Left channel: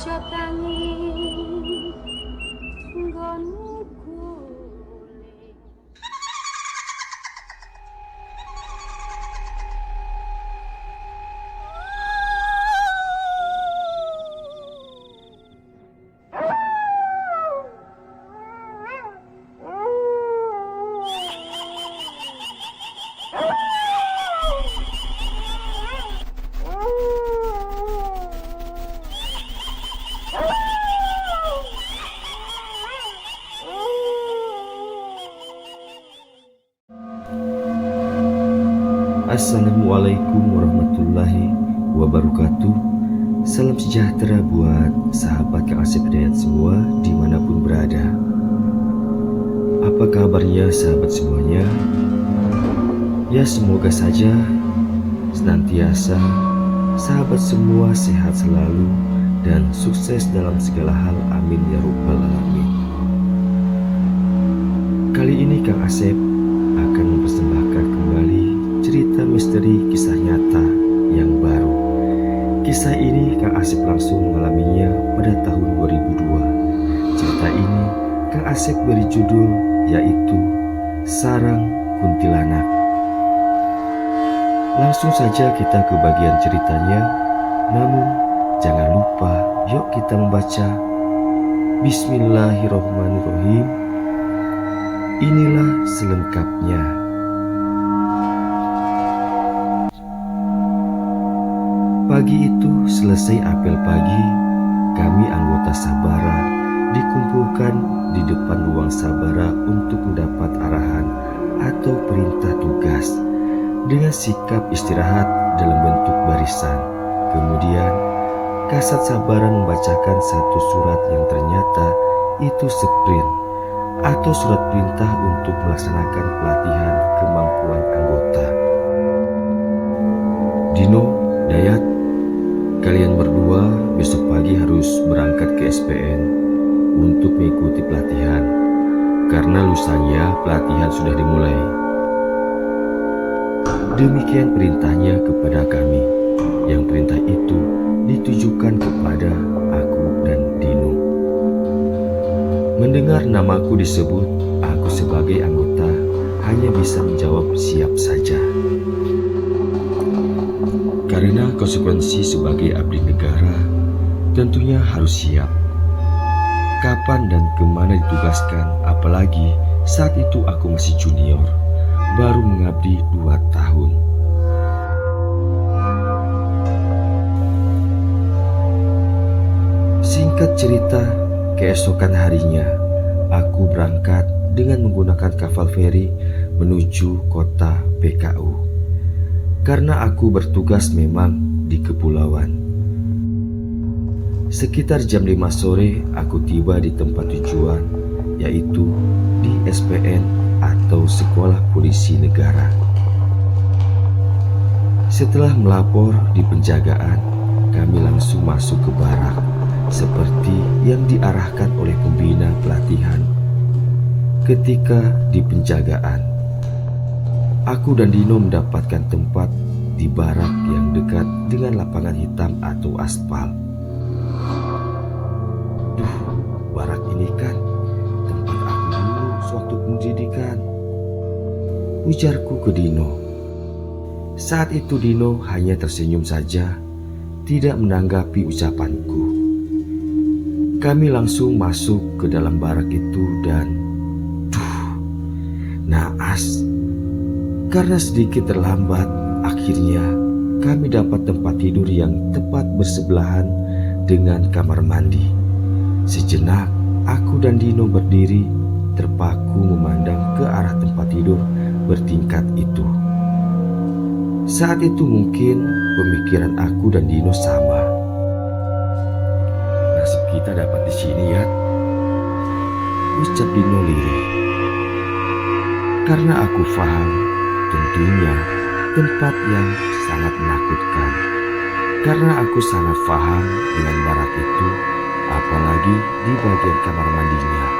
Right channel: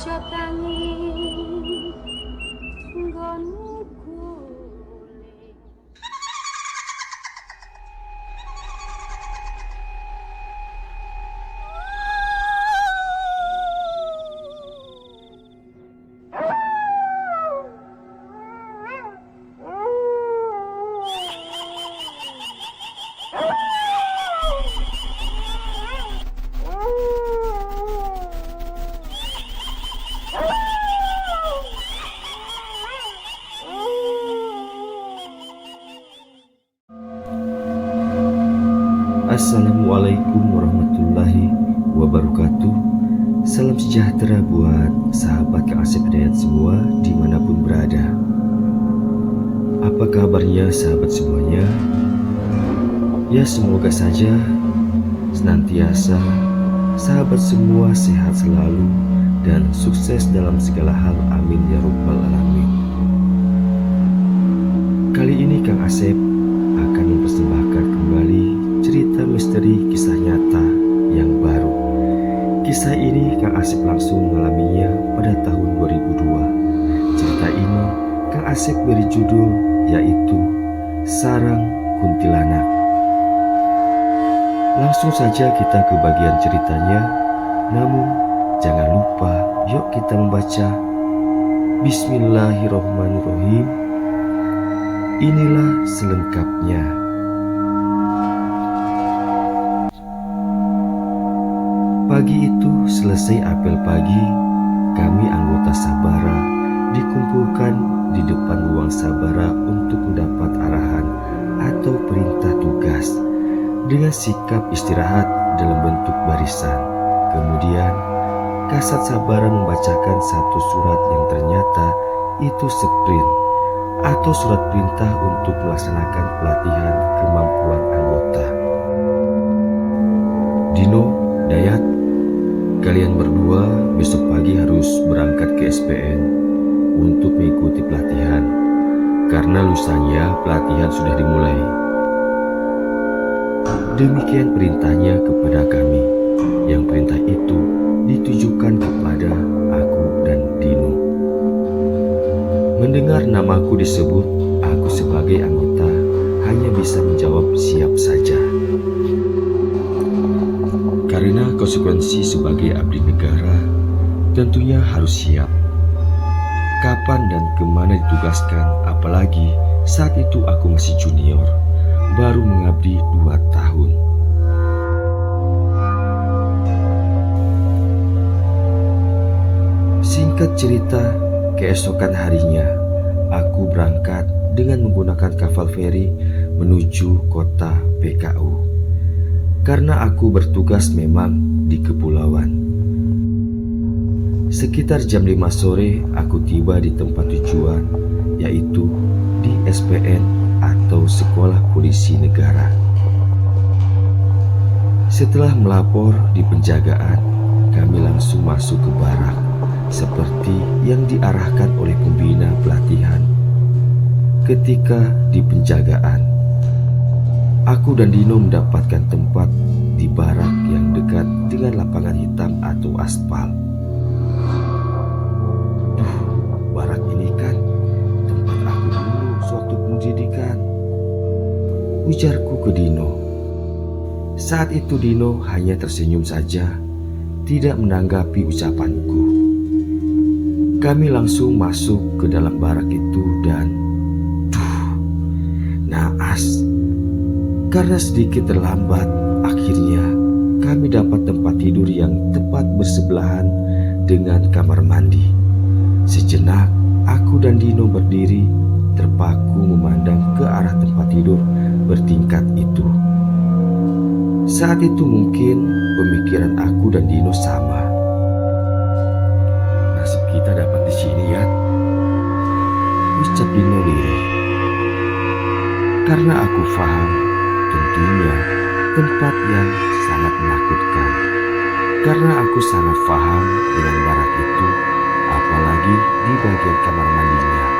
aja tangi nggonmu guling. Assalamualaikum warahmatullahi wabarakatuh. Salam sejahtera buat sahabat Kang Asep Hidayat semua dimanapun berada. Apa kabarnya sahabat semuanya? Ya, semoga saja senantiasa sahabat semua sehat selalu dan sukses dalam segala hal, amin ya rabbal alamin. Kali ini Kang Asep akan mempersembahkan kembali cerita misteri kisah nyata yang baru. Kisah ini Kang Asep langsung mengalaminya pada tahun 2002. Cerita ini Kang Asep beri judul yaitu Sarang Kuntilanak. Langsung saja kita ke bagian ceritanya. Namun jangan lupa, yuk kita membaca. Bismillahirrahmanirrahim. Inilah selengkapnya. Pagi itu selesai apel pagi, kami anggota Sabara dikumpulkan di depan ruang Sabara untuk mendapat arahan atau perintah tugas dengan sikap istirahat dalam bentuk barisan. Kemudian Kasat Sabara membacakan satu surat yang ternyata itu sprint atau surat perintah untuk melaksanakan pelatihan kemampuan anggota. Dino, Dayat, kalian berdua besok pagi harus berangkat ke SPN untuk mengikuti pelatihan, karena lusanya pelatihan sudah dimulai. Demikian perintahnya kepada kami, yang perintah itu ditujukan kepada aku dan Dino. Mendengar namaku disebut, aku sebagai anggota hanya bisa menjawab siap saja. Karena konsekuensi sebagai abdi negara tentunya harus siap. Kapan dan kemana ditugaskan, apalagi saat itu aku masih junior, baru mengabdi 2 tahun. Singkat cerita, keesokan harinya aku berangkat dengan menggunakan kapal feri menuju kota PKU. Karena aku bertugas memang di kepulauan. Sekitar jam 5 sore aku tiba di tempat tujuan, yaitu di SPN atau Sekolah Polisi Negara. Setelah melapor di penjagaan, kami langsung masuk ke barak seperti yang diarahkan oleh pembina pelatihan. Ketika di penjagaan, aku dan Dino mendapatkan tempat di barak yang dekat dengan lapangan hitam atau aspal. Duh, barak ini kan tempat aku dulu sewaktu pendidikan, ujarku ke Dino. Saat itu Dino hanya tersenyum saja, tidak menanggapi ucapanku. Kami langsung masuk ke dalam barak itu dan naas. Karena sedikit terlambat, akhirnya kami dapat tempat tidur yang tepat bersebelahan dengan kamar mandi. Sejenak, aku dan Dino berdiri terpaku memandang ke arah tempat tidur bertingkat itu. Saat itu mungkin pemikiran aku dan Dino sama. Nasib kita dapat di sini, ya, ucap Dino lirih. Karena aku paham, tentunya tempat yang sangat menakutkan. Karena aku sangat paham dengan barak itu, apalagi di bagian kamar mandinya.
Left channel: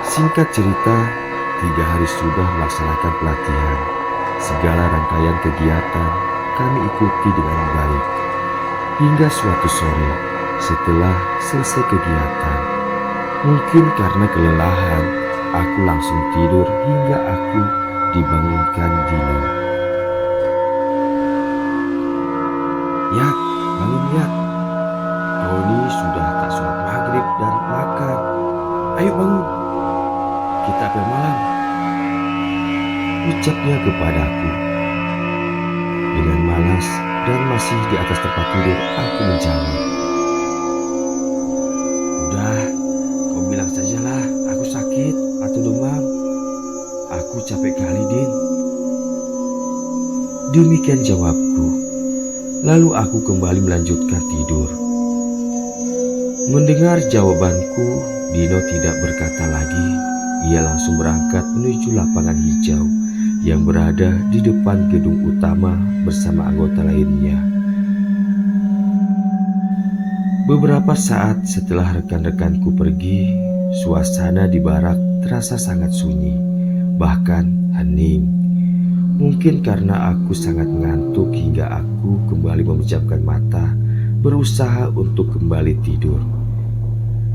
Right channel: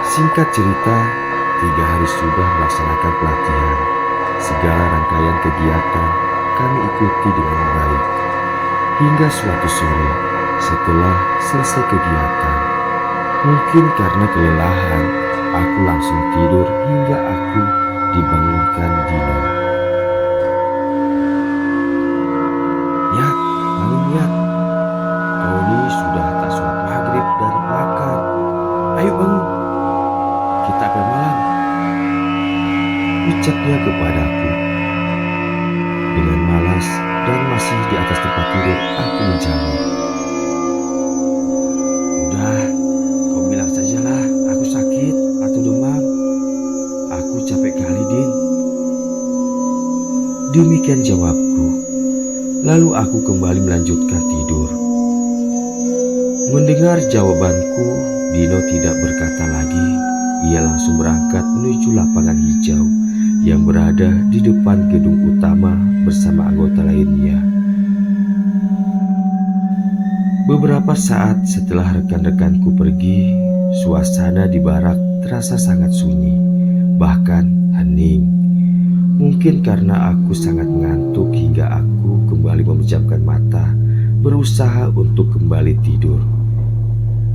Singkat cerita, 3 hari sudah melaksanakan pelatihan. Segala rangkaian kegiatan kami ikuti dengan baik. Hingga suatu sore setelah selesai kegiatan, mungkin karena kelelahan, aku langsung tidur hingga aku dibangunkan Dino. "Yat, bangun Yat. Kau ini sudah tak sholat maghrib dan makan. Ayo bangun, kita apel malam," ucapnya kepadaku. Dengan malas dan masih di atas tempat tidur, aku menjawab, "Udah, kau bilang sajalah aku sakit atau demam. Aku capek kali, Din." Demikian jawabku. Lalu aku kembali melanjutkan tidur. Mendengar jawabanku, Dino tidak berkata lagi. Ia langsung berangkat menuju lapangan hijau yang berada di depan gedung utama bersama anggota lainnya. Beberapa saat setelah rekan-rekanku pergi, suasana di barak terasa sangat sunyi, bahkan hening. Mungkin karena aku sangat mengantuk hingga aku kembali memejamkan mata, berusaha untuk kembali tidur.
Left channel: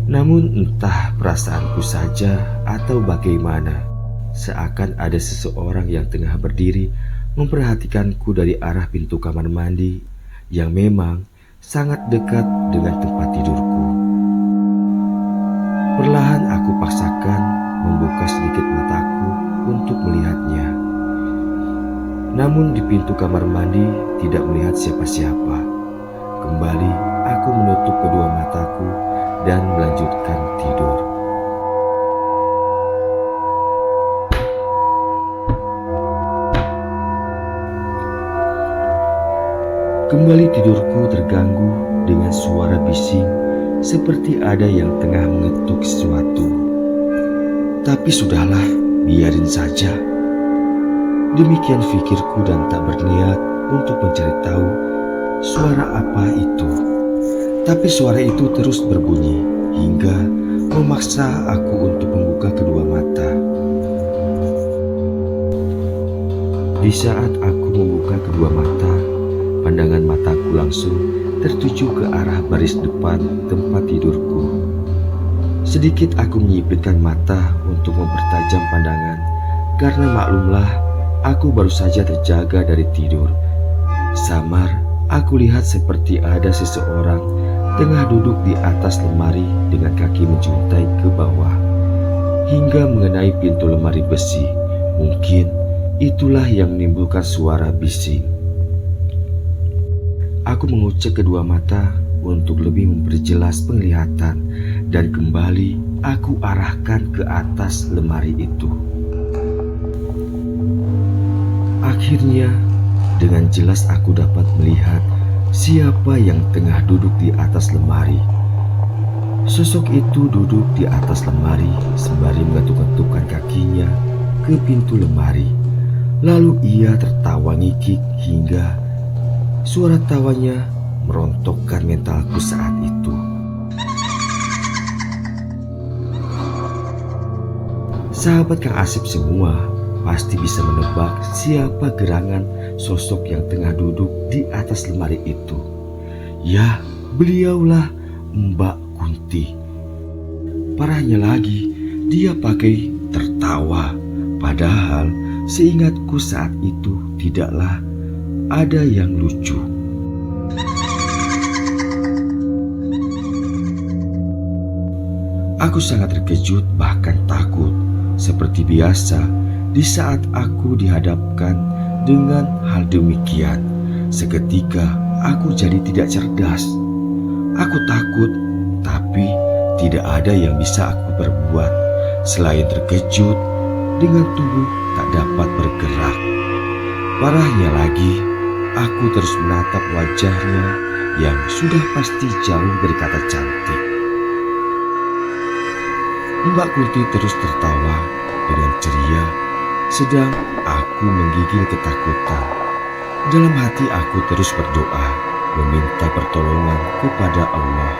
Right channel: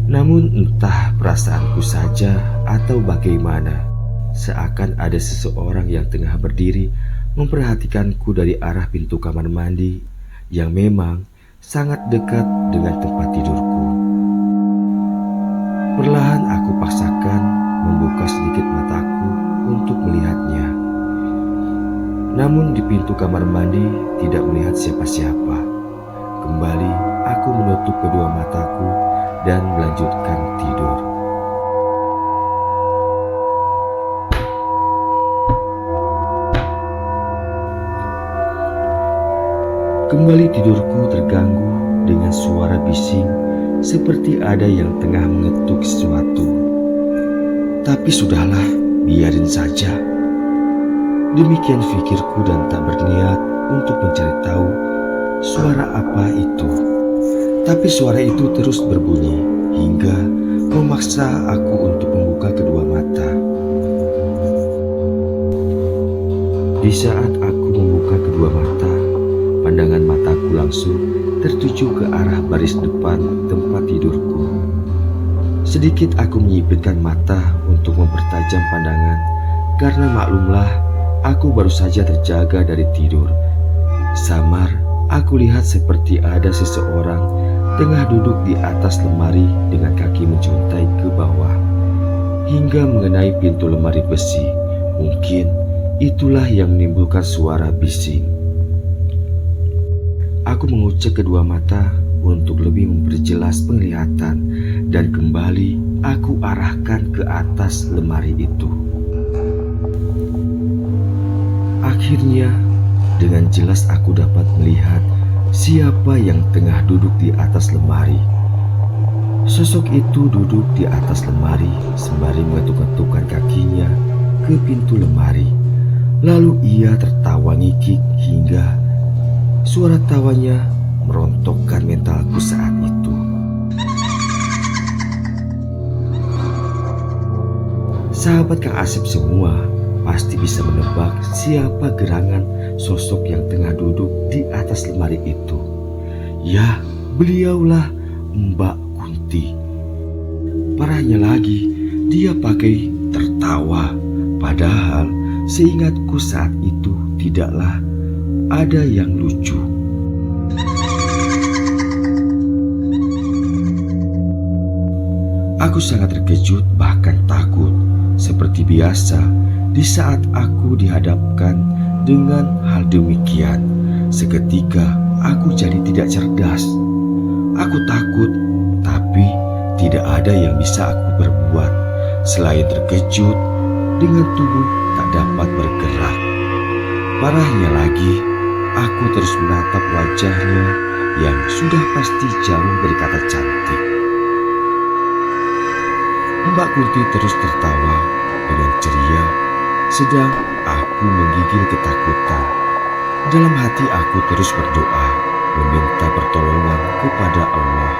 Namun entah perasaanku saja atau bagaimana, seakan ada seseorang yang tengah berdiri memperhatikanku dari arah pintu kamar mandi yang memang sangat dekat dengan tempat tidurku. Perlahan aku paksakan membuka sedikit mataku untuk melihatnya. Namun di pintu kamar mandi tidak melihat siapa-siapa. Kembali aku menutup kedua mataku dan melanjutkan tidur. Kembali tidurku terganggu dengan suara bising seperti ada yang tengah mengetuk sesuatu. Tapi sudahlah, biarin saja. Demikian pikirku dan tak berniat untuk mencari tahu suara apa itu. Tapi suara itu terus berbunyi hingga memaksa aku untuk membuka kedua mata. Di saat aku membuka kedua mata, pandangan mataku langsung tertuju ke arah baris depan tempat tidurku. Sedikit aku menyipitkan mata untuk mempertajam pandangan karena maklumlah aku baru saja terjaga dari tidur. Samar, aku lihat seperti ada seseorang tengah duduk di atas lemari dengan kaki menjuntai ke bawah hingga mengenai pintu lemari besi. Mungkin itulah yang menimbulkan suara bising. Aku mengucek kedua mata untuk lebih memperjelas penglihatan dan kembali aku arahkan ke atas lemari itu. Akhirnya, dengan jelas aku dapat melihat siapa yang tengah duduk di atas lemari. Sosok itu duduk di atas lemari sembari mengetuk-ketukkan kakinya ke pintu lemari. Lalu ia tertawa ngikik hingga suara tawanya merontokkan mentalku saat itu. Sahabat Kang Asep semua pasti bisa menebak siapa gerangan sosok yang tengah duduk di atas lemari itu. Ya, beliaulah Mbak Kunti. Parahnya lagi, dia pakai tertawa. Padahal seingatku saat itu tidaklah ada yang lucu. Aku sangat terkejut bahkan takut. Seperti biasa, di saat aku dihadapkan dengan hal demikian, seketika aku jadi tidak cerdas. Aku takut, tapi tidak ada yang bisa aku perbuat selain terkejut dengan tubuh tak dapat bergerak. Parahnya lagi, aku terus menatap wajahnya yang sudah pasti jauh dari kata cantik. Mbak Kunti terus tertawa dengan ceria, sedang aku menggigil ketakutan. Dalam hati aku terus berdoa, meminta pertolongan kepada Allah.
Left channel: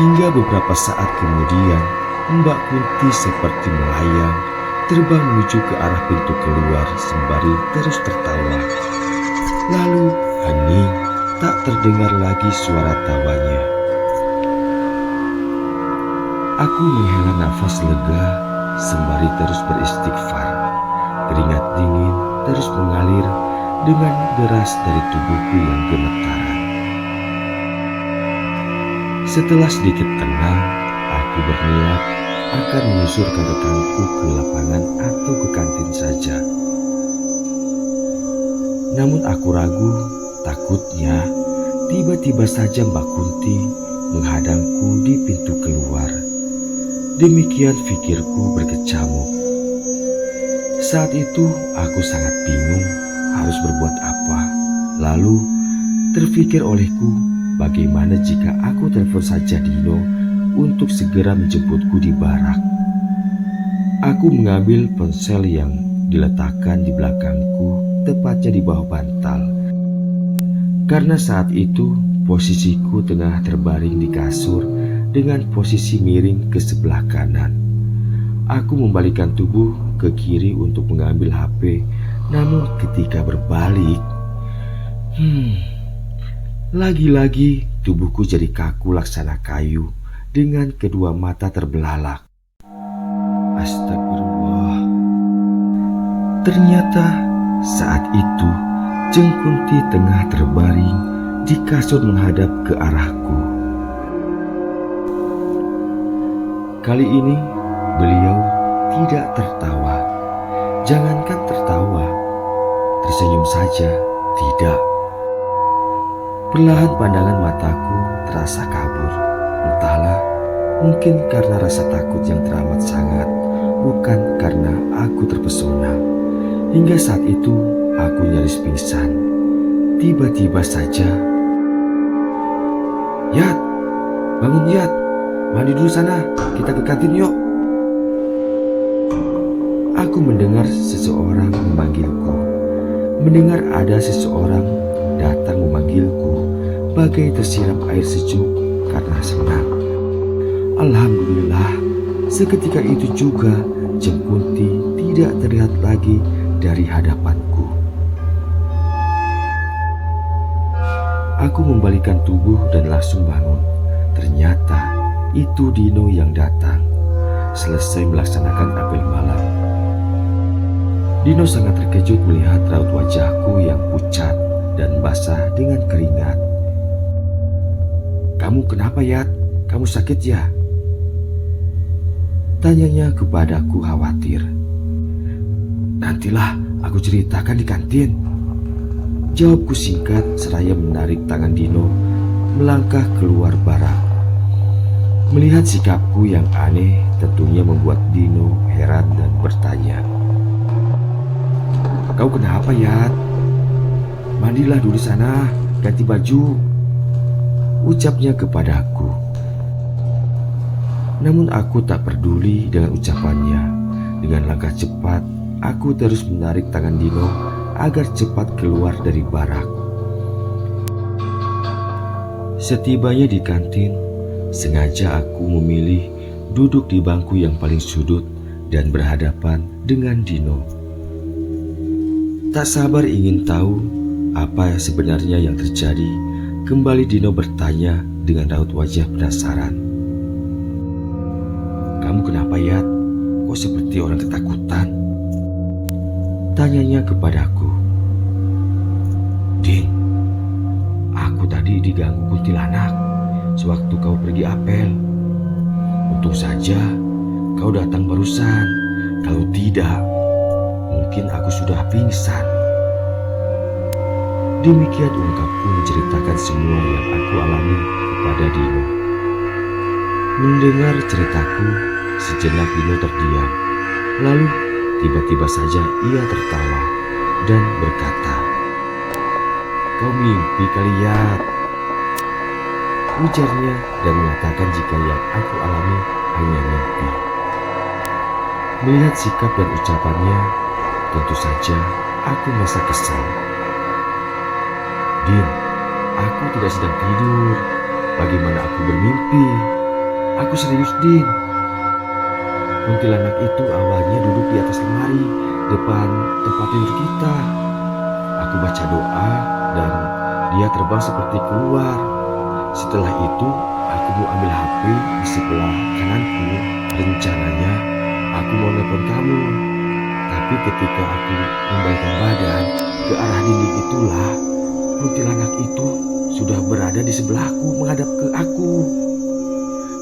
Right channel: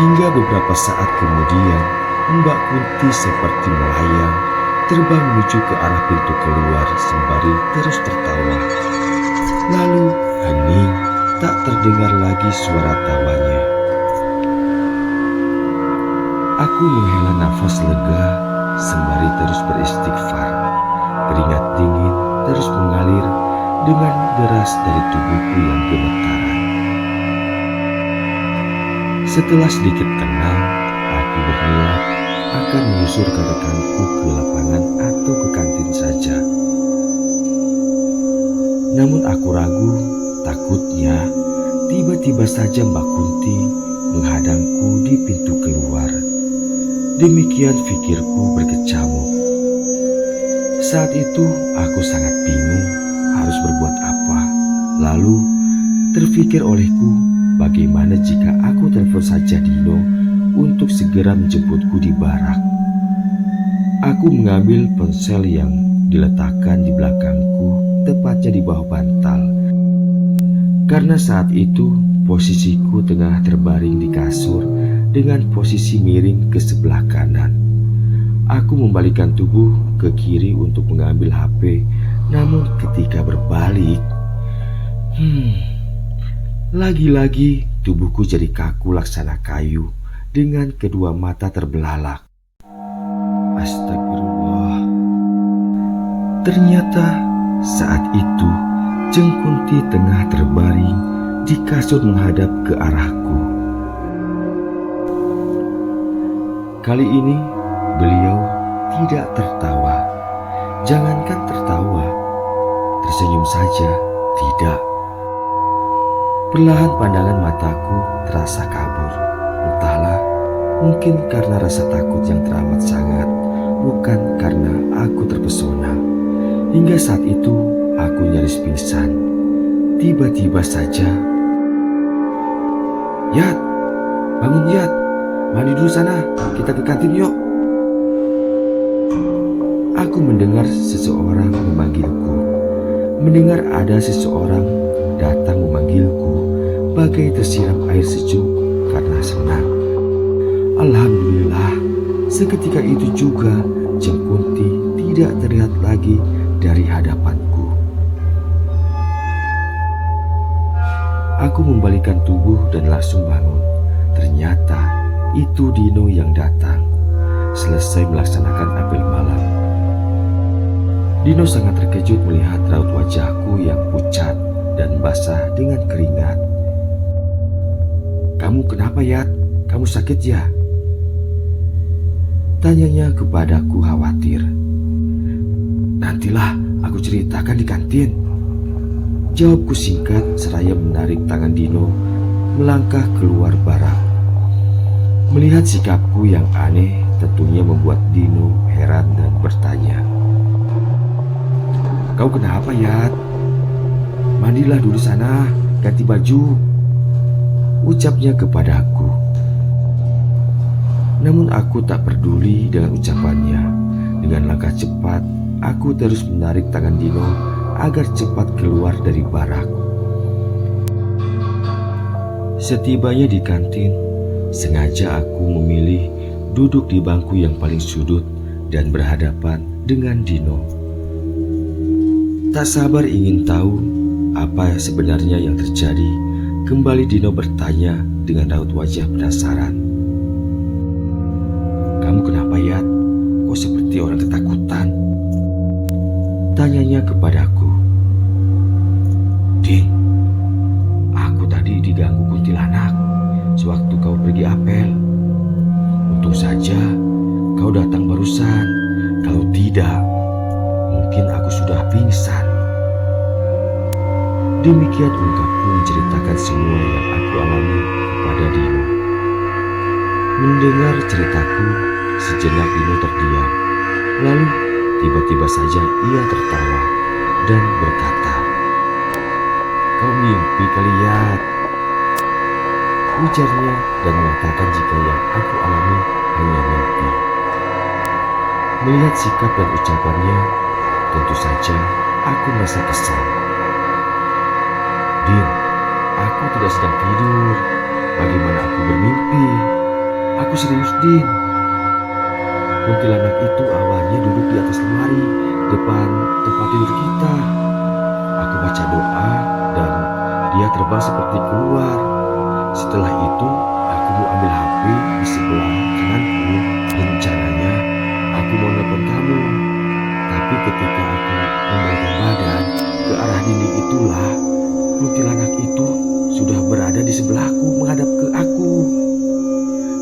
Hingga beberapa saat kemudian, Mbak Kunti seperti melayang, terbang menuju ke arah pintu keluar sembari terus tertawa. Lalu hening tak terdengar lagi suara tawanya. Aku menghela nafas lega sembari terus beristighfar. Keringat dingin terus mengalir dengan deras dari tubuhku yang gemetaran. Setelah sedikit tenang, aku berniat akan menyusurkan rekanku ke lapangan atau ke kantin saja. Namun aku ragu, takutnya tiba-tiba saja Mbak Kunti menghadangku di pintu keluar. Demikian pikirku berkecamuk. Saat itu aku sangat bingung harus berbuat apa. Lalu terfikir olehku, bagaimana jika aku telepon saja Dino untuk segera menjemputku di barak. Aku mengambil ponsel yang diletakkan di belakangku, tepatnya di bawah bantal. Karena saat itu posisiku tengah terbaring di kasur dengan posisi miring ke sebelah kanan. Aku membalikkan tubuh ke kiri untuk mengambil HP, namun ketika berbalik, lagi-lagi tubuhku jadi kaku laksana kayu dengan kedua mata terbelalak. Astagfirullah. Ternyata saat itu Jeng Kunti tengah terbaring di kasur menghadap ke arahku. Kali ini beliau tidak tertawa. Jangankan tertawa, tersenyum saja tidak. Perlahan pandangan mataku terasa kabur. Entahlah, mungkin karena rasa takut yang teramat sangat, bukan karena aku terpesona. Hingga saat itu aku nyaris pingsan. Tiba-tiba saja, "Yat, bangun Yat. Mandi dulu sana, kita ke kantin yuk." Aku mendengar seseorang memanggilku. Mendengar ada seseorang datang memanggilku bagai tersiram air sejuk karena senang. Alhamdulillah, seketika itu juga Jeng Kunti tidak terlihat lagi dari hadapanku. Aku membalikkan tubuh dan langsung bangun. Ternyata itu Dino yang datang. Selesai melaksanakan apel malam, Dino sangat terkejut melihat raut wajahku yang pucat dan basah dengan keringat. "Kamu kenapa, Yat? Kamu sakit ya?" Tanyanya kepadaku khawatir. "Nantilah aku ceritakan di kantin," jawabku singkat seraya menarik tangan Dino melangkah keluar barak. Melihat sikapku yang aneh tentunya membuat Dino heran dan bertanya, "Kau kenapa, Yat? Mandilah dulu sana, ganti baju," ucapnya kepadaku. Namun aku tak peduli dengan ucapannya. Dengan langkah cepat, aku terus menarik tangan Dino agar cepat keluar dari barak. Setibanya di kantin, sengaja aku memilih duduk di bangku yang paling sudut dan berhadapan dengan Dino. Tak sabar ingin tahu apa sebenarnya yang terjadi. Kembali Dino bertanya dengan raut wajah penasaran. "Kamu kenapa, Yat? Kok seperti orang ketakutan?" tanyanya kepadaku. "Din, aku tadi diganggu kuntilanak sewaktu kau pergi apel. Untung saja kau datang barusan. Kalau tidak, mungkin aku sudah pingsan." Demikian ungkapku menceritakan semua yang aku alami kepada Dino. Mendengar ceritaku, sejenak Dino terdiam. Lalu tiba-tiba saja ia tertawa dan berkata, "Kau mimpi kali, Yat," ujarnya dan mengatakan jika yang aku alami hanya mimpi. Melihat sikap dan ucapannya, tentu saja aku merasa kesal. "Din, aku tidak sedang tidur. Bagaimana aku bermimpi? Aku serius, Din. Kuntilanak itu awalnya duduk di atas lemari depan tempat tidur kita. Aku baca doa dan Dia terbang seperti keluar. Setelah itu, aku mau ambil HP di sebelah kananku. Rencananya, aku mau nelpon kamu. Tapi ketika aku membalikkan badan ke arah dinding itulah, kuntilanak itu sudah berada di sebelahku menghadap ke aku.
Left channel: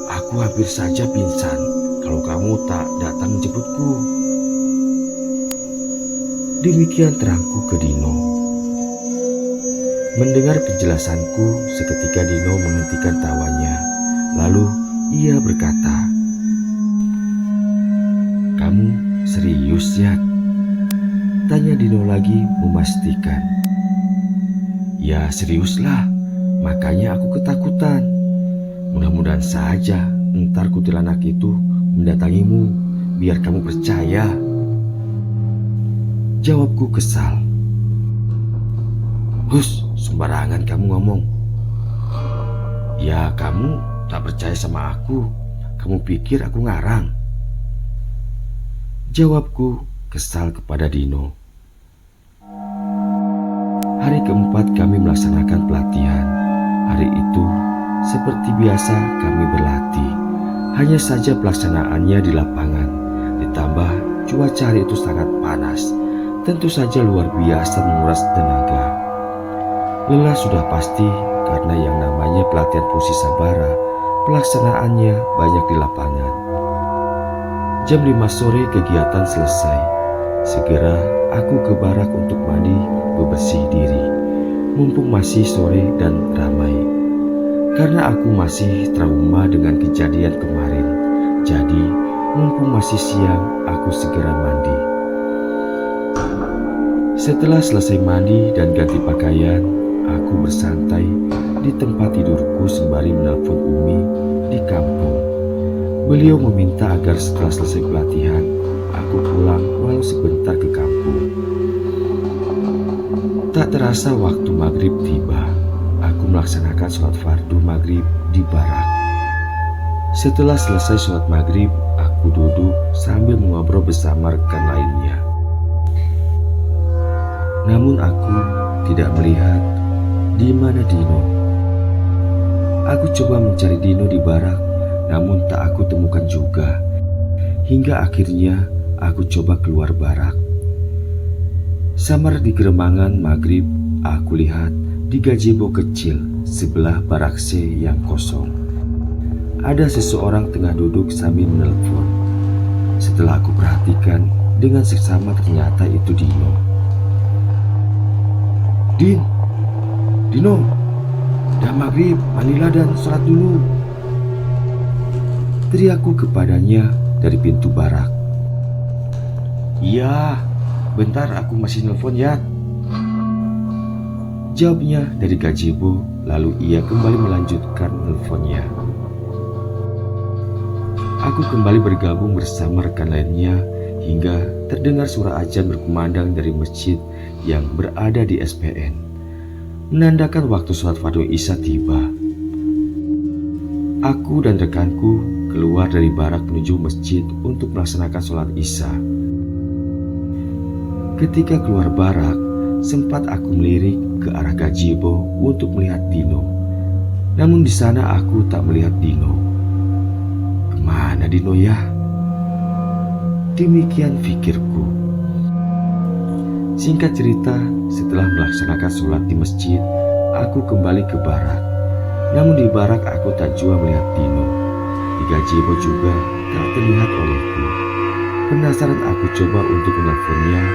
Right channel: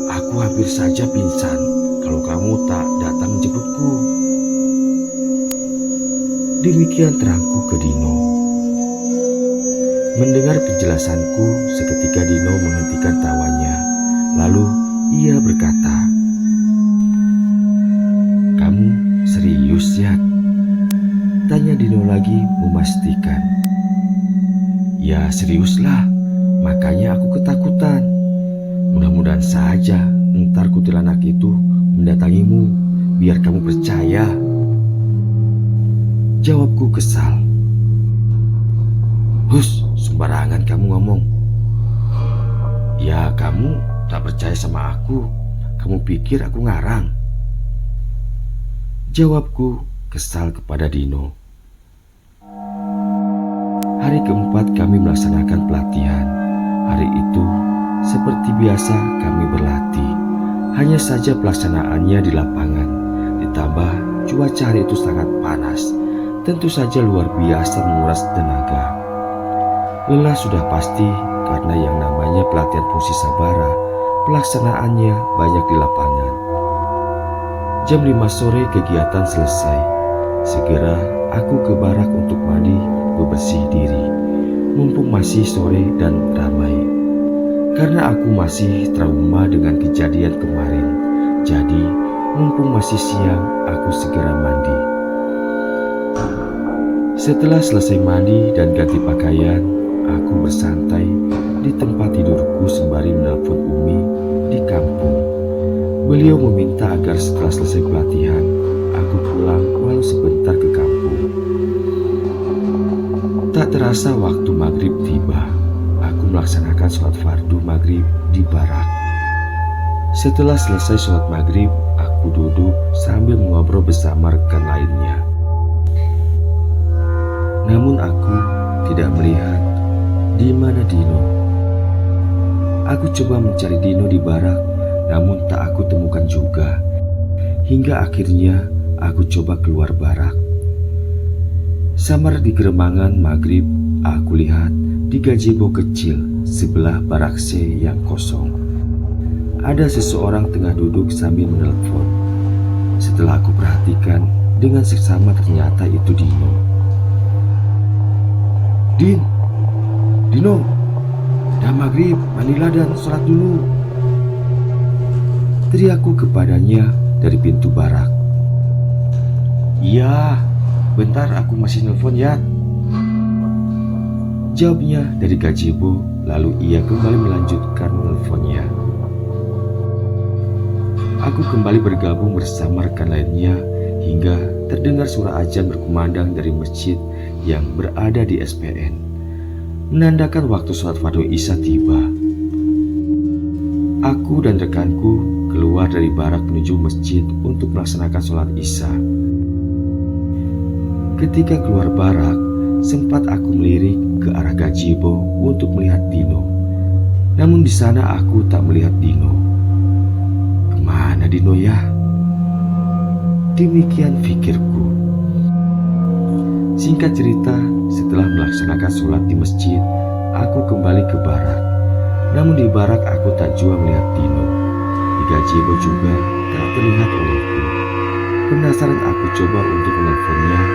Aku hampir saja pingsan kalau kamu tak datang menjemputku. Demikian terangku ke Dino. Mendengar penjelasanku, seketika Dino menghentikan tawanya. Lalu ia berkata, "Kamu serius, Yat?" Tanya Dino lagi memastikan. "Ya seriuslah, makanya aku ketakutan. Mudah-mudahan saja ntar kuntilanak itu mendatangimu, biar kamu percaya." Jawabku kesal. "Hus, sembarangan kamu ngomong. Ya kamu tak percaya sama aku, kamu pikir aku ngarang?" Jawabku kesal kepada Dino. Hari keempat kami melaksanakan pelatihan. Hari itu seperti biasa kami berlatih. Hanya saja pelaksanaannya di lapangan. Ditambah cuaca hari itu sangat panas. Tentu saja luar biasa menguras tenaga. Lelah sudah pasti karena yang namanya pelatihan fungsi sabara, pelaksanaannya banyak di lapangan. Jam 5 sore kegiatan selesai. Segera aku ke barak untuk mandi bebersih diri. Mumpung masih sore dan ramai. Karena aku masih trauma dengan kejadian kemarin. Jadi mumpung masih siang aku segera mandi. Setelah selesai mandi dan ganti pakaian, aku bersantai di tempat tidurku sembari menelpon Umi di kampung. Beliau meminta agar setelah selesai pelatihan, aku pulang walau sebentar ke kampung. Tak terasa waktu maghrib tiba. Aku melaksanakan sholat fardu maghrib di barak. Setelah selesai sholat maghrib, aku duduk sambil mengobrol bersama rekan lainnya. Namun aku tidak melihat di mana Dino. Aku coba mencari Dino di barak, namun tak aku temukan juga. Hingga akhirnya aku coba keluar barak. Samar di geremangan maghrib, aku lihat di gazebo kecil sebelah barak C yang kosong. Ada seseorang tengah duduk sambil menelpon. Setelah aku perhatikan dengan seksama ternyata itu Dino. Dino, dah maghrib, mandilah dan sholat dulu," teriakku kepadanya dari pintu barak. "Iya, bentar aku masih nelpon ya," jawabnya dari gazebo, lalu ia kembali melanjutkan nelponnya. Aku kembali bergabung bersama rekan lainnya hingga terdengar suara azan berkumandang dari masjid yang berada di SPN, menandakan waktu sholat fardu Isya tiba. Aku dan rekanku keluar dari barak menuju masjid untuk melaksanakan sholat Isya. Ketika keluar barak, sempat aku melirik ke arah gazebo untuk melihat Dino. Namun di sana aku tak melihat Dino. Kemana Dino ya? Demikian pikirku. Singkat cerita, setelah melaksanakan sholat di masjid, aku kembali ke barak. Namun di barak aku tak jua melihat Dino. Di gazebo juga tak terlihat olehku. Penasaran aku coba untuk menelponnya,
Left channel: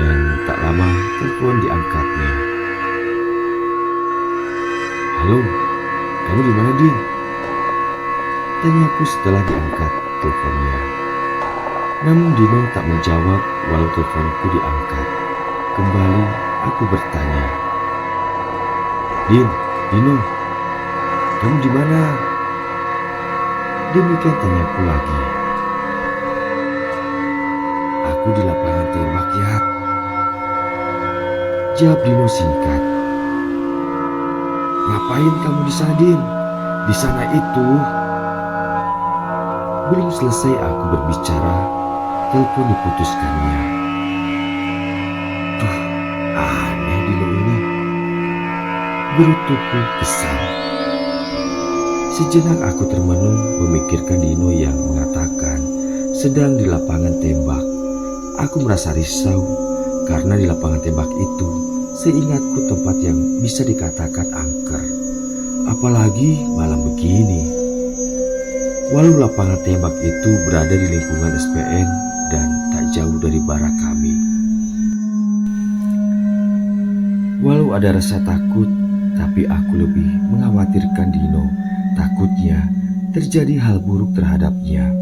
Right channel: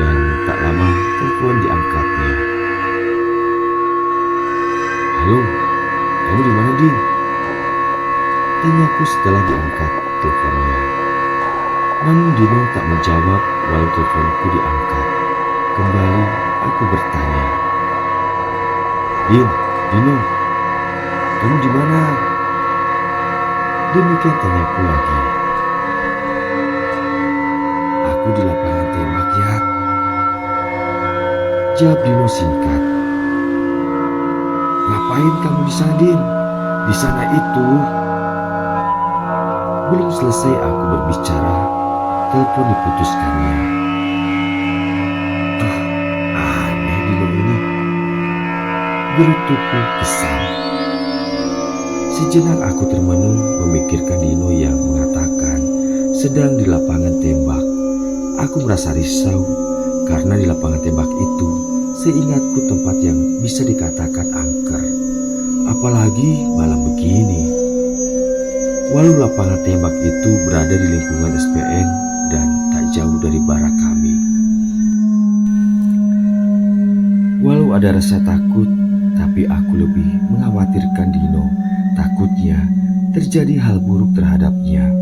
dan tak lama telepon diangkatnya. "Halo, kamu di mana, Din?" Tanyaku setelah diangkat teleponnya. Namun Dino tak menjawab walau teleponku diangkat. Kembali aku bertanya, Dino, kamu di mana?" Demikian tanyaku lagi. "Aku di lapangan tembak, ya," jawab Dino singkat. "Ngapain kamu di sana, Din? Di sana itu..." Belum selesai aku berbicara, telepon diputuskannya. Duh, aneh Dino ini. gerutuku kesal. Sejenak aku termenung memikirkan Dino yang mengatakan sedang di lapangan tembak. Aku merasa risau karena di lapangan tembak itu seingatku tempat yang bisa dikatakan angker. Apalagi malam begini. Walau lapangan tembak itu berada di lingkungan SPN dan tak jauh dari barak kami. Walau ada rasa takut, tapi aku lebih mengkhawatirkan Dino. Takutnya terjadi hal buruk terhadapnya.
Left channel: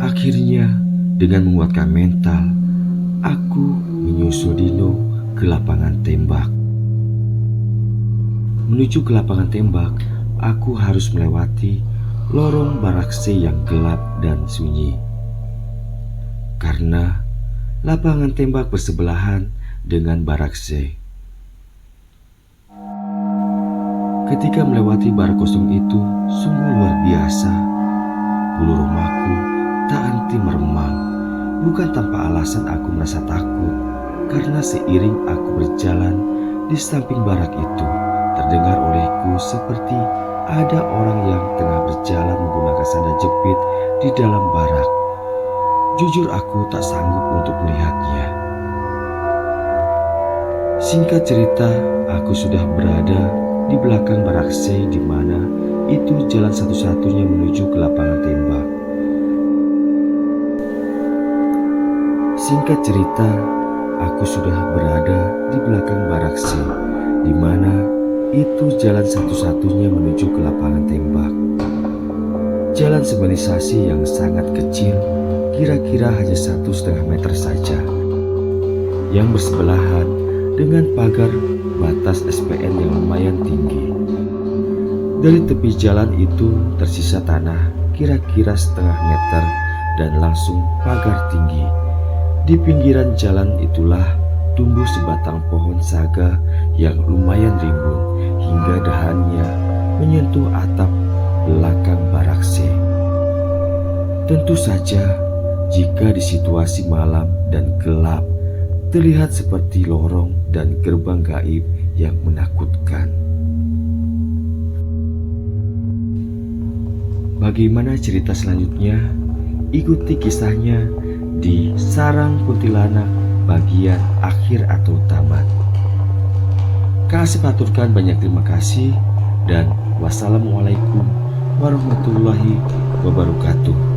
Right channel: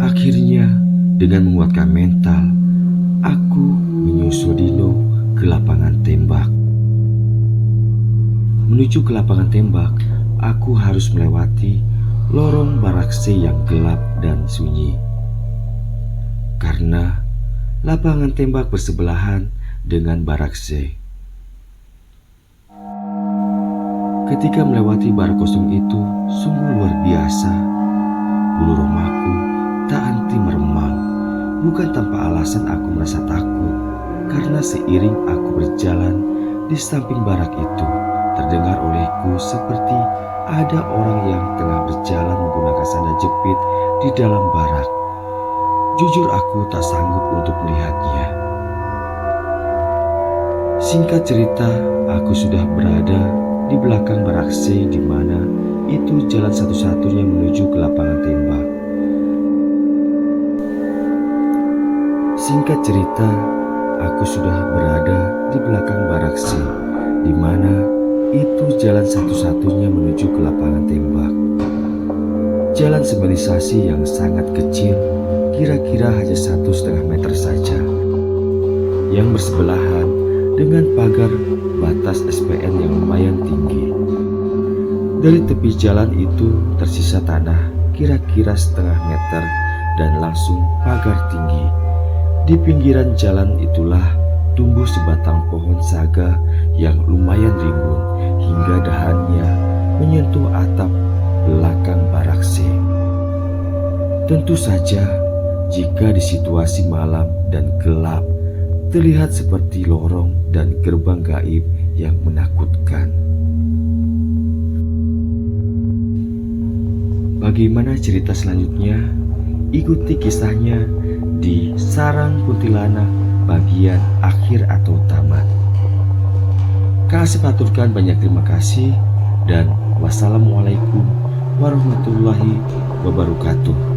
Akhirnya, dengan menguatkan mental, aku menyusul Dino ke lapangan tembak. Menuju ke lapangan tembak, aku harus melewati lorong barak C yang gelap dan sunyi. Karena lapangan tembak bersebelahan dengan barak C. Ketika melewati barak kosong itu sungguh luar biasa. Bulu romaku tak henti meremang. Bukan tanpa alasan aku merasa takut, karena seiring aku berjalan di samping barak itu, terdengar olehku seperti ada orang yang tengah berjalan menggunakan sandal jepit di dalam barak. Jujur aku tak sanggup untuk melihatnya. Singkat cerita, aku sudah berada di belakang barak C, di mana itu jalan satu-satunya menuju ke lapangan tembak. Singkat cerita, aku sudah berada di belakang barak C, di mana itu jalan satu-satunya menuju ke lapangan tembak. Jalan semilisasi yang sangat kecil, kira-kira hanya 1,5 meter saja, yang bersebelahan dengan pagar batas SPN yang lumayan tinggi. Dari tepi jalan itu tersisa tanah kira-kira 0,5 meter dan langsung pagar tinggi. Di pinggiran jalan itulah tumbuh sebatang pohon saga yang lumayan rimbun hingga dahannya menyentuh atap belakang barak C. Tentu saja jika di situasi malam dan gelap, terlihat seperti lorong dan gerbang gaib yang menakutkan. Bagaimana cerita selanjutnya? Ikuti kisahnya di Sarang Kuntilanak bagian akhir atau tamat. Kak Asep aturkan banyak terima kasih dan wassalamualaikum warahmatullahi wabarakatuh.